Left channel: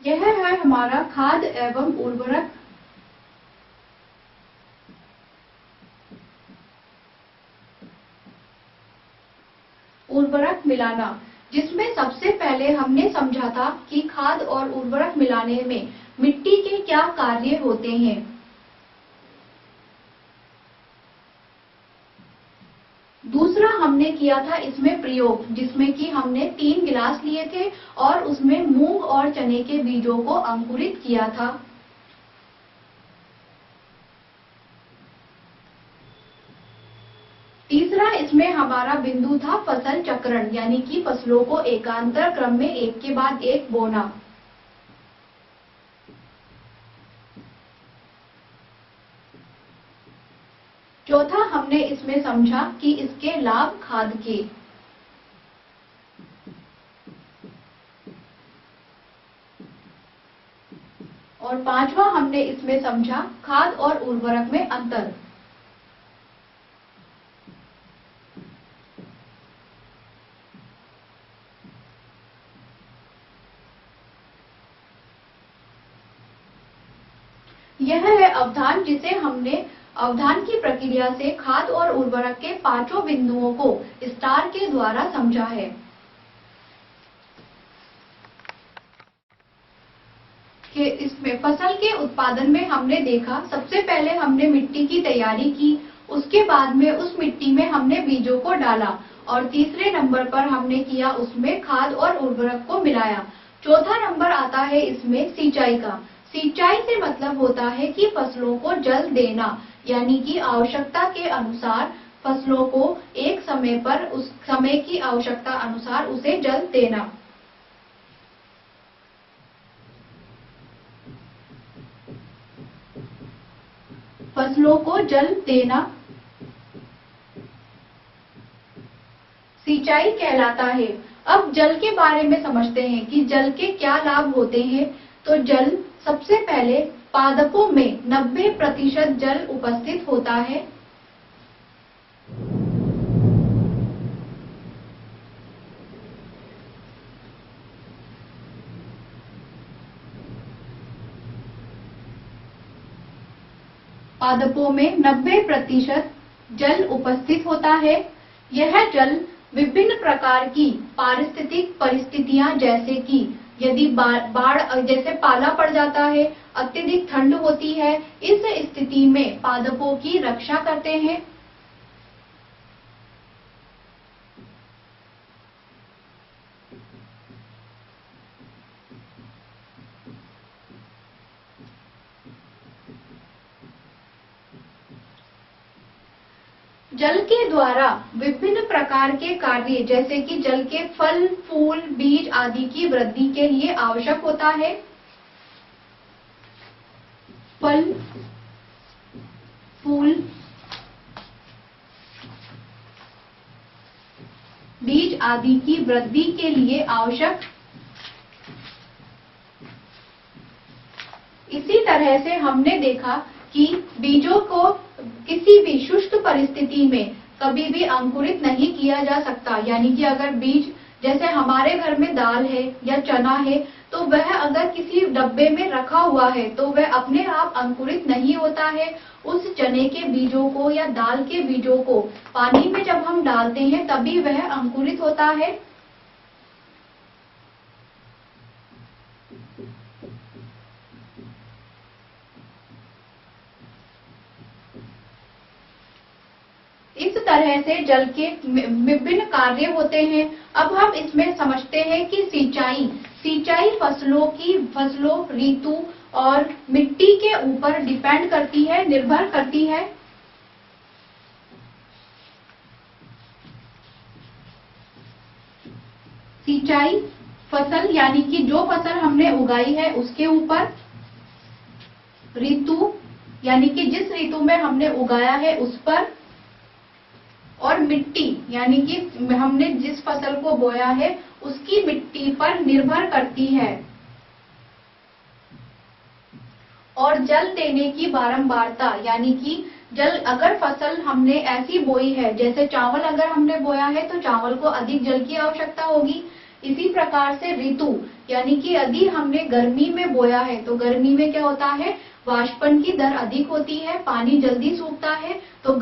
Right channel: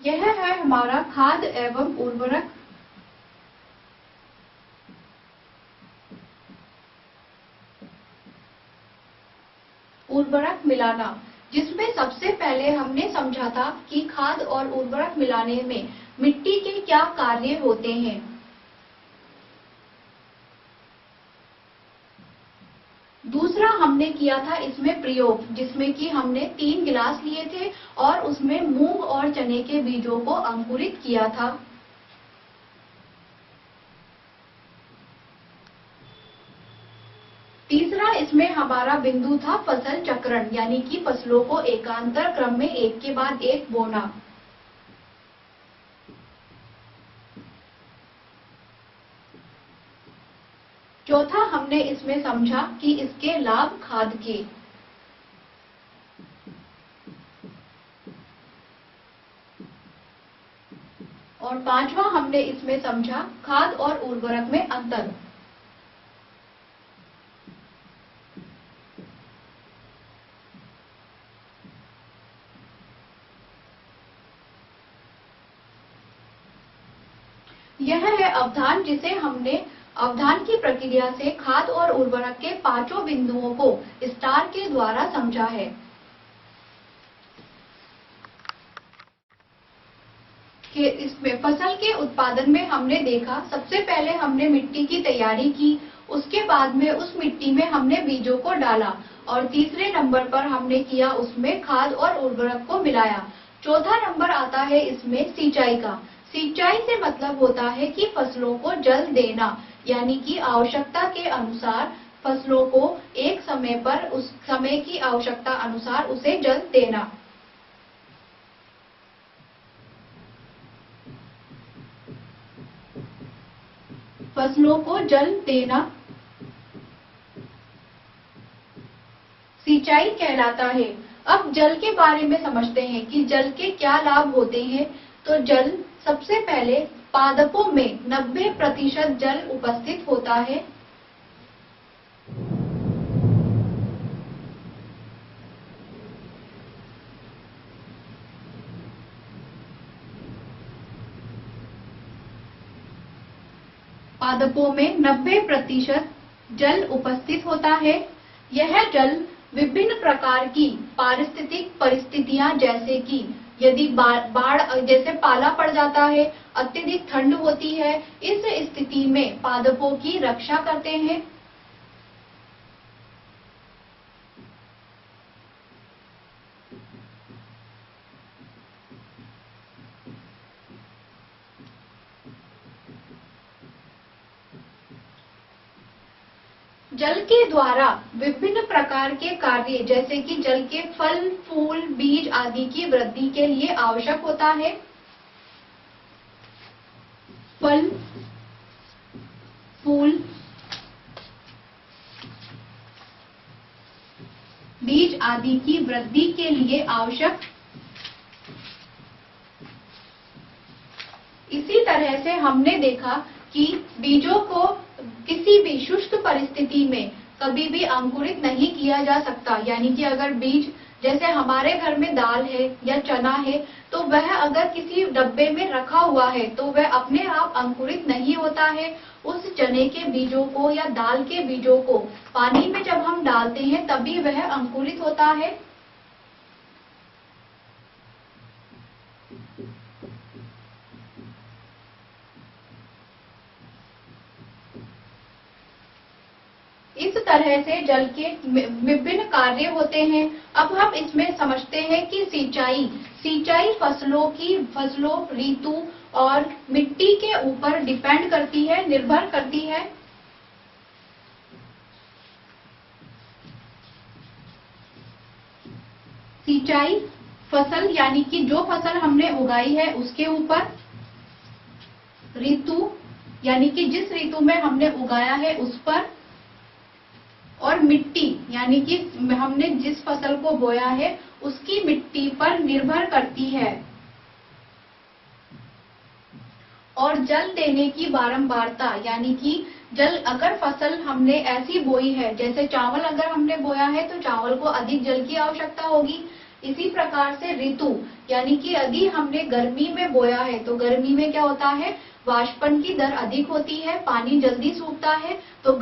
यह है हमारा खाद एवं उर्वरक। उर्वरक मिलाना, जिसमें सबसे पहले हमने समझा था कि खाद और उर्वरक मिलाने में मिट्टी के क्या कार्य होते हैं। दूसरा हमने किया था इसमें प्रयोग, जिसमें कि हमने 3 गिलास लिए थे और उसमें मूंग और चने के बीजों को अंकुरित किया था। तीसरा इसमें हमारा बिंदु था फसल चक्रण, यानी कि फसलों को एकांतर क्रम में एक के बाद एक बोना। चौथा हमने इसमें समझा कि इसके लाभ खाद के। और पांचवा हमने इसमें समझा खाद और उर्वरक में अंतर। यह है अवधान, जिसे हमने अवधान की प्रक्रिया से खाद और उर्वरक के पांचों बिंदुओं को स्टार के द्वारा समझा है। कि इसमें फसल के उत्पादन में हमने देखा, सबसे पहले हमने मिट्टी की तैयारी की, उसके बाद में उस मिट्टी में हमने बीजों को डाला और तीसरे नंबर पर हमने किया उसमें खाद और उर्वरक को मिलाया। चौथा नंबर आता है इसमें सिंचाई का। सिंचाई से मतलब होता है कि फसलों को जल देना, यानी कि आवश्यकता के अनुसार फसलों को एक समय पर उस समय की आवश्यकता अनुसार उसे जल देना। फसलों को जल देना सिंचाई कहलाता है। अब जल के बारे में समझते हैं कि जल के क्या लाभ होते हैं। तो जल, सबसे पहले पादपों में 90% जल उपस्थित होता है। पादपों में 90% जल उपस्थित होता है। यह जल विभिन्न प्रकार की पारिस्थितिक परिस्थितियां, जैसे कि यदि बाढ़ जैसे पाला पड़ जाता है, अत्यधिक ठंड होती है, इस स्थिति में पादपों की रक्षा करते हैं। जल के द्वारा विभिन्न प्रकार के कार्य, जैसे कि जल के फल, फूल, बीज आदि की वृद्धि के लिए आवश्यक होता है। फल, फूल, बीज आदि की वृद्धि के लिए आवश्यक। इसी तरह से हमने देखा कि बीजों को किसी भी शुष्क परिस्थिति में कभी भी अंकुरित नहीं किया जा सकता, यानी कि अगर बीज, जैसे हमारे घर में दाल है या चना है, तो वह अगर किसी डब्बे में रखा हुआ है तो वह अपने आप अंकुरित नहीं होता है। उस चने के बीजों को या दाल के बीजों को पानी में जब हम डालते हैं तभी वह अंकुरित होता है। इस तरह से जल के विभिन्न कार्य होते हैं। अब हम इसमें समझते हैं कि सिंचाई फसलों, ऋतु और मिट्टी के ऊपर डिपेंड करती है, निर्भर करती है। सिंचाई फसल, यानी कि जो फसल हमने उगाई है उसके ऊपर। ऋतु, यानी कि जिस ऋतु में हमने उगाया है उस पर। और मिट्टी, यानी कि हमने जिस फसल को बोया है उसकी मिट्टी पर निर्भर करती है। और जल देने की बारंबारता, यानी कि जल, अगर फसल हमने ऐसी बोई है, जैसे चावल अगर हमने बोया है तो चावल को अधिक जल की आवश्यकता होगी, इसी प्रकार से ऋतु, यानी कि यदि हमने गर्मी में बोया है तो गर्मी में क्या होता है, वाष्पन की दर अधिक होती है, पानी जल्दी सूखता है। तो